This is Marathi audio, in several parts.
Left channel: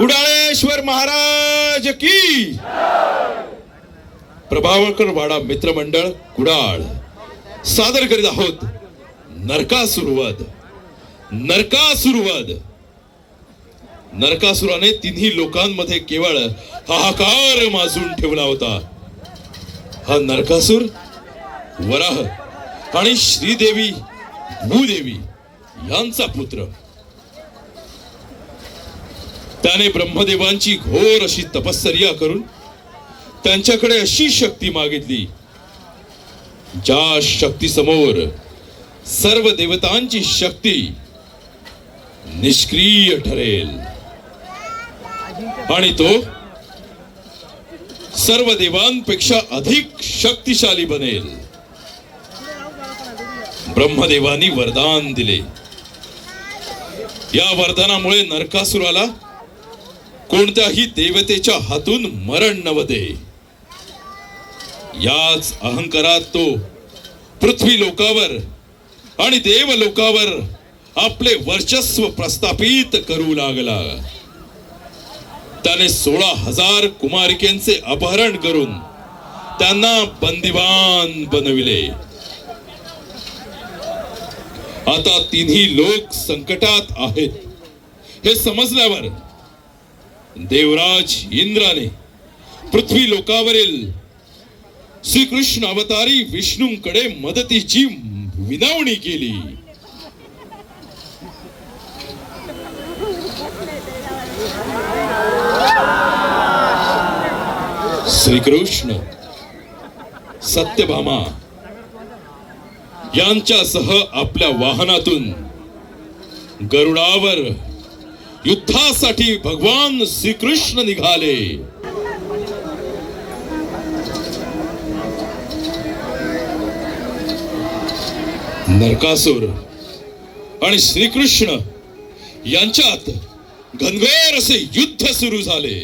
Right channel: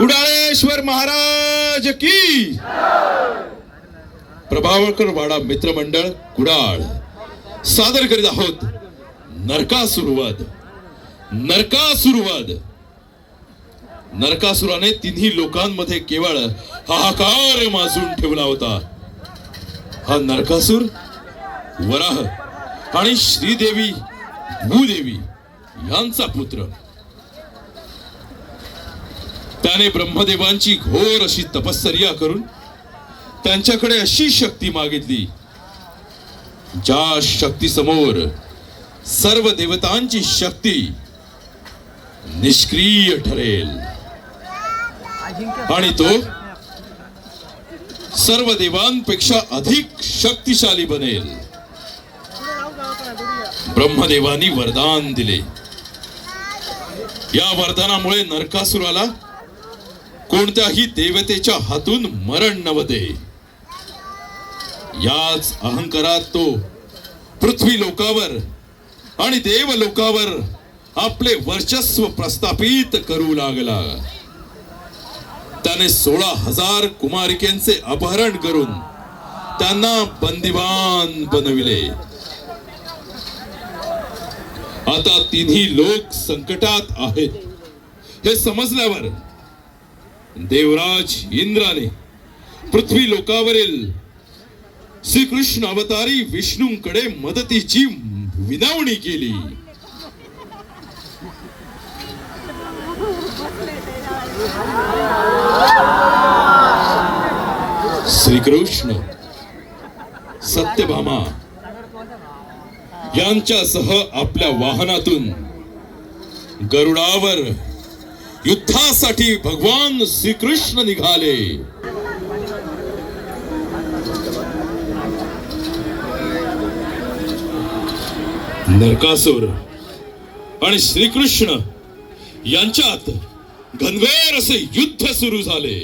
कुडाळेश्वर महाराज की प्रभावळकर वाडा मित्रमंडळ कुडाळ सादर करीत आहोत नरकासुरवध. नरकासुराने तिन्ही लोकांमध्ये केवळ हाहाकार माजून ठेवला होता. हा नरकासुर वराह आणि श्रीदेवी भूदेवी यांचा पुत्र. त्याने ब्रह्मदेवांची घोर अशी तपश्चर्या करून त्यांच्याकडे अशी शक्ती मागितली ज्या शक्ती समोर सर्व देवतांची शक्ती निष्क्रिय ठरेल आणि तो सर्व देवांपेक्षा अधिक शक्तिशाली बनेल. ब्रह्मदेवांनी वरदान दिले. या वरदानामुळे नरकासुराला कोणत्याही देवतेच्या हातून मरण नव्हते. याच अहंकारात तो पृथ्वी लोकावर आणि देव लोकावर आपले वर्चस्व प्रस्थापित करू लागला. त्याने 16,000 कुमारिकेंचे अपहरण करून त्यांना बंदिवान बनविले. आता तिन्ही लोक संकटात आहेत हे समजल्यावर देवराज इंद्राने पृथ्वी लोकावरील श्रीकृष्ण अवतारी विष्णूंकडे मदतीची विनवणी केली. श्रीकृष्ण सत्यभामा यांच्यासह आपल्या वाहनातून गरुडावर युद्धासाठी भगवान श्रीकृष्ण निघाले. नरकासुर आणि श्रीकृष्ण यांच्यात घनघोर असे युद्ध सुरू झाले.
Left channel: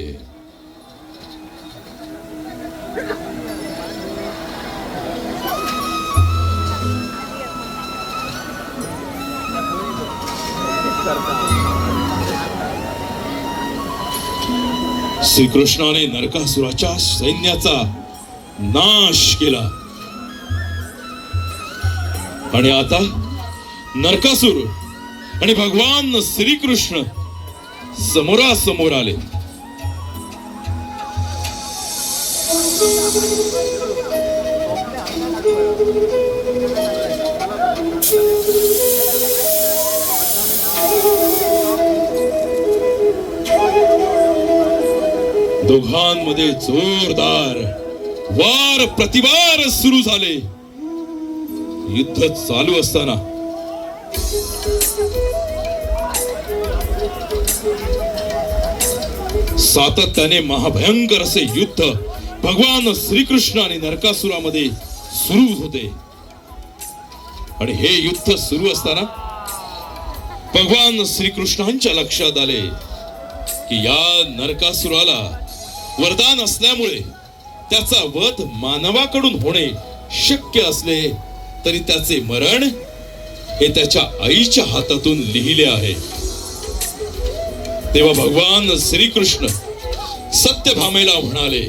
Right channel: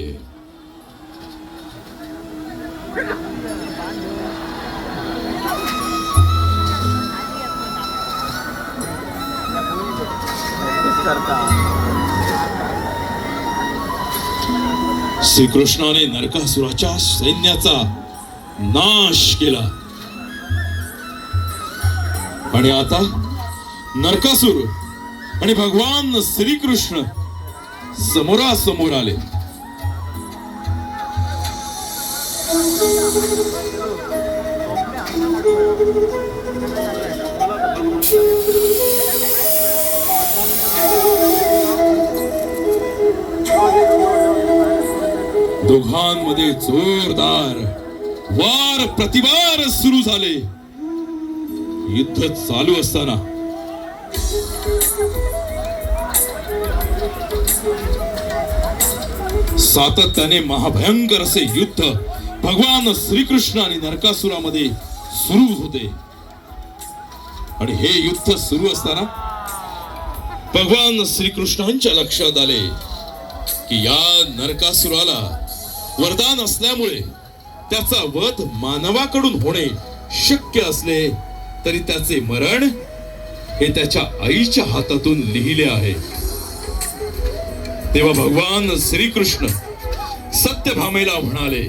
श्रीकृष्णाने नरकासुराच्या सैन्याचा नाश केला आणि आता नरकासुर आणि भगवान श्रीकृष्ण समोरासमोर आले. दोघांमध्ये जोरदार वार प्रतिवार सुरू झाले. युद्ध चालू असताना सातत्याने महाभयंकर असे युद्ध भगवान श्रीकृष्ण आणि नरकासुरामध्ये सुरू होते. आणि हे युद्ध सुरू असताना भगवान श्रीकृष्णांच्या लक्षात आले की या नरकासुराला वरदान असल्यामुळे त्याचा वध मानवाकडून होणे शक्य असले तरी त्याचे मरण हे त्याच्या आईच्या हातातून लिहिले आहे. तेव्हा भगवान श्रीकृष्ण सत्यभामेला म्हणाले,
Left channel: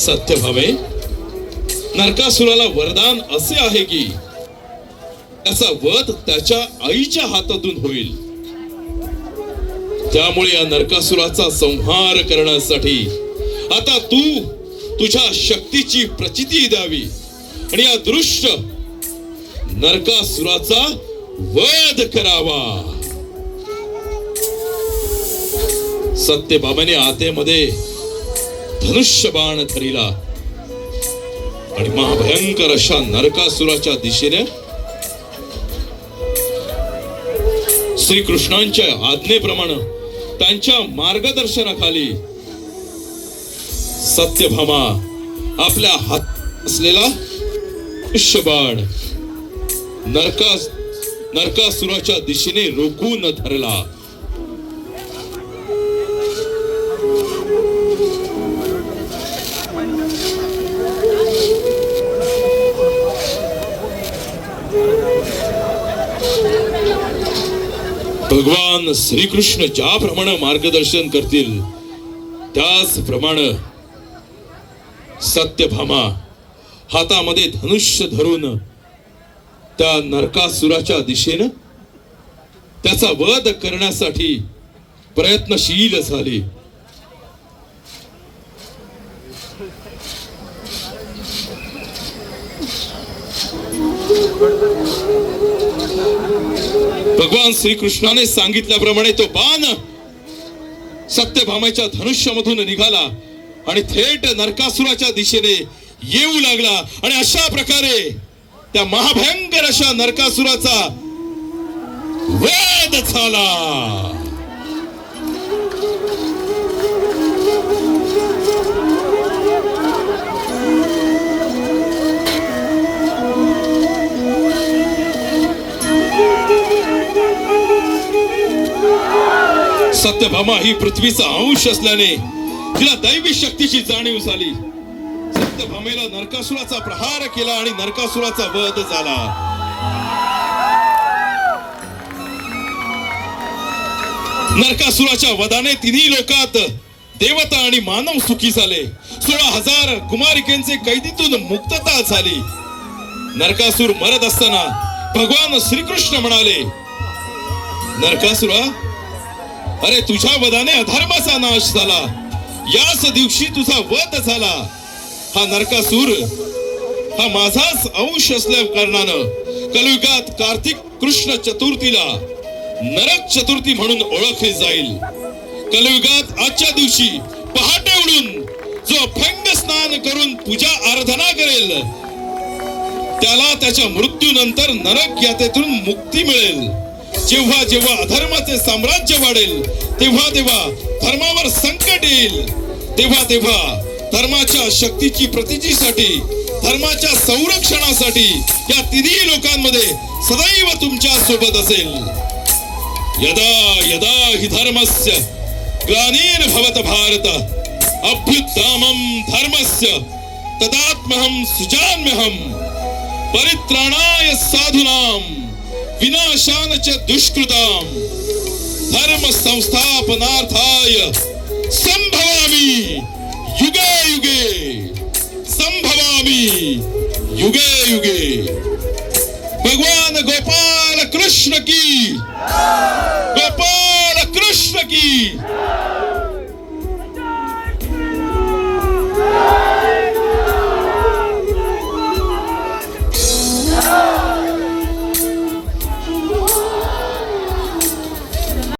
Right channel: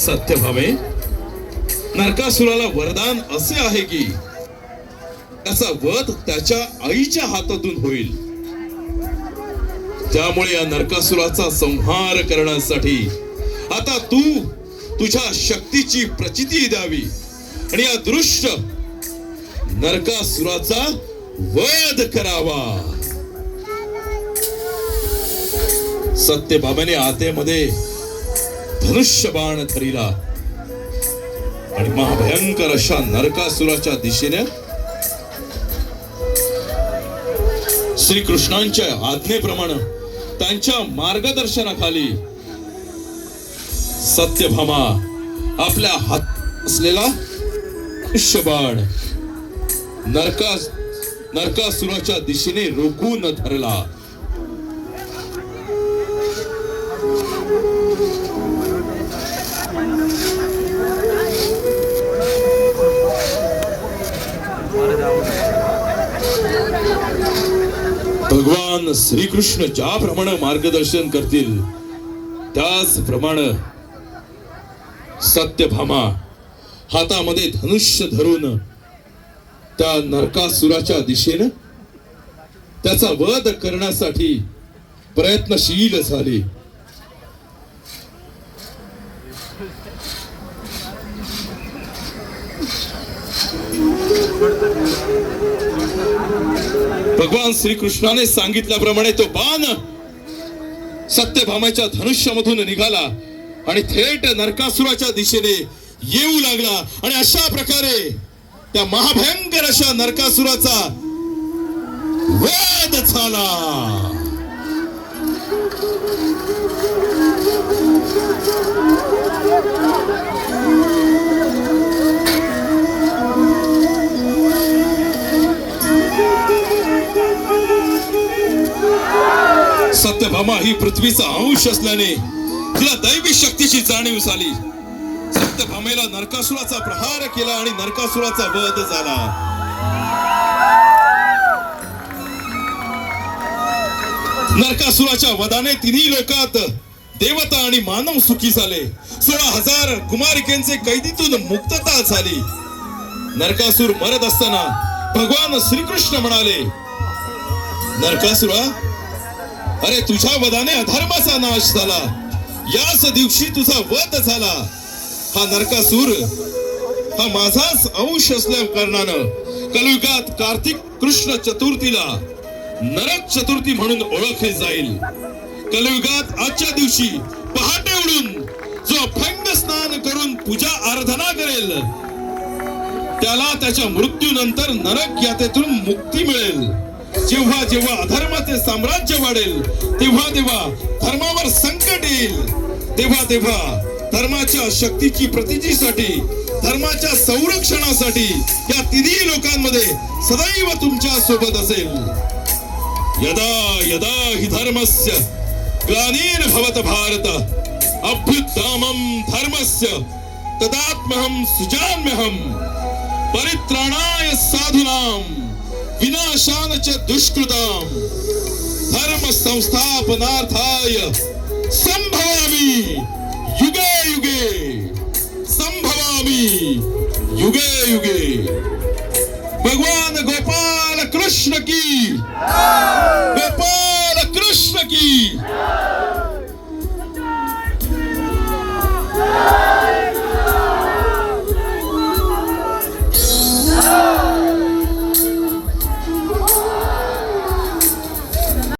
सत्यभामे, नरकासुराला वरदान असे आहे की त्याचा वध त्याच्या आईच्या हातातून होईल. त्यामुळे या नरकासुराचा संहार करण्यासाठी आता तू तुझ्या शक्तीची प्रचिती द्यावी आणि या दृष्ट नरकासुराचा वध करावा. सत्यभामेने आतेमध्ये धनुष्यबाण धरिला आणि महाभयंकर अशा नरकासुराच्या दिशेने श्रीकृष्णांच्या आज्ञेप्रमाणे त्यांच्या मार्गदर्शनाखाली सत्यभामा आपल्या हात असलेला धनुष्यबाण नरकासुराच्या दिशेने रोखून धरला. भगवान भगवान श्रीकृष्ण ज्याप्रमाणे मार्गदर्शन करतील त्याचप्रमाणे सत्यभामा हातामध्ये धनुष्य धरून त्या नरकासुराच्या दिशेनं त्याचा वध करण्यासाठी प्रयत्नशील झाली. भगवान श्रीकृष्णाने सांगितल्याप्रमाणे तो बाण सत्यभामेच्या धनुष्यामधून निघाला आणि थेट नरकासुराच्या दिशेने येऊ लागला. आणि अशा प्रकारे त्या महाभयंकर अशा नरकासुराचा वध झाला. सत्यभामा ही पृथ्वीचा अंश असल्याने तिला दैवी शक्तीची जाणीव झाली. सत्यभामेला नरकासुराचा प्रहार केला आणि नरकासुराचा वध झाला. नरकासुराच्या वधाने तिन्ही लोकात देवता आणि मानव सुखी झाले. 16,000 कुमारिकेंचे कैदीतून मुक्तता झाली. नरकासुर मरत असताना भगवान श्रीकृष्ण म्हणाले, नरकासुरा, अरे तुझ्या वधाने अधर्माचा नाश झाला. याच दिवशी तुझा वध झाला. हा नरकासूर हा माझाच अंश असल्या कारणानं कलियुगात कार्तिक कृष्ण चतुर्थीला नरक चतुर्थी म्हणून ओळखली जाईल. कलियुगात आजच्या दिवशी पहाटे उठून जो अभंग स्नान करून पूजा आराधना करेल त्याला त्याच्या मृत्यूनंतर नरक यातेतून मुक्ती मिळेल. जेव्हा जेव्हा अधर्माचे साम्राज्य वाढेल तेव्हा तेव्हा धर्मावर संकट येईल. तेव्हा तेव्हा धर्माच्या शक्तीची प्रतिष्ठेसाठी धर्माच्या संरक्षणासाठी या तिन्ही लोकांमध्ये सदैव तुमच्या सोबत असेल. यदा यदा हि धर्मस्य ग्लानिर्भवत भारत अभ्युत्थानं धर्मस्य तदात्महं सुजाम्यहं परित्राणाय साधूनां विनाशान च दुष्कृतां धर्म संस्थापनार्थाय संभवामि युगे युगे संभवामि युगे युगे. भगवान गोपाल कृष्ण की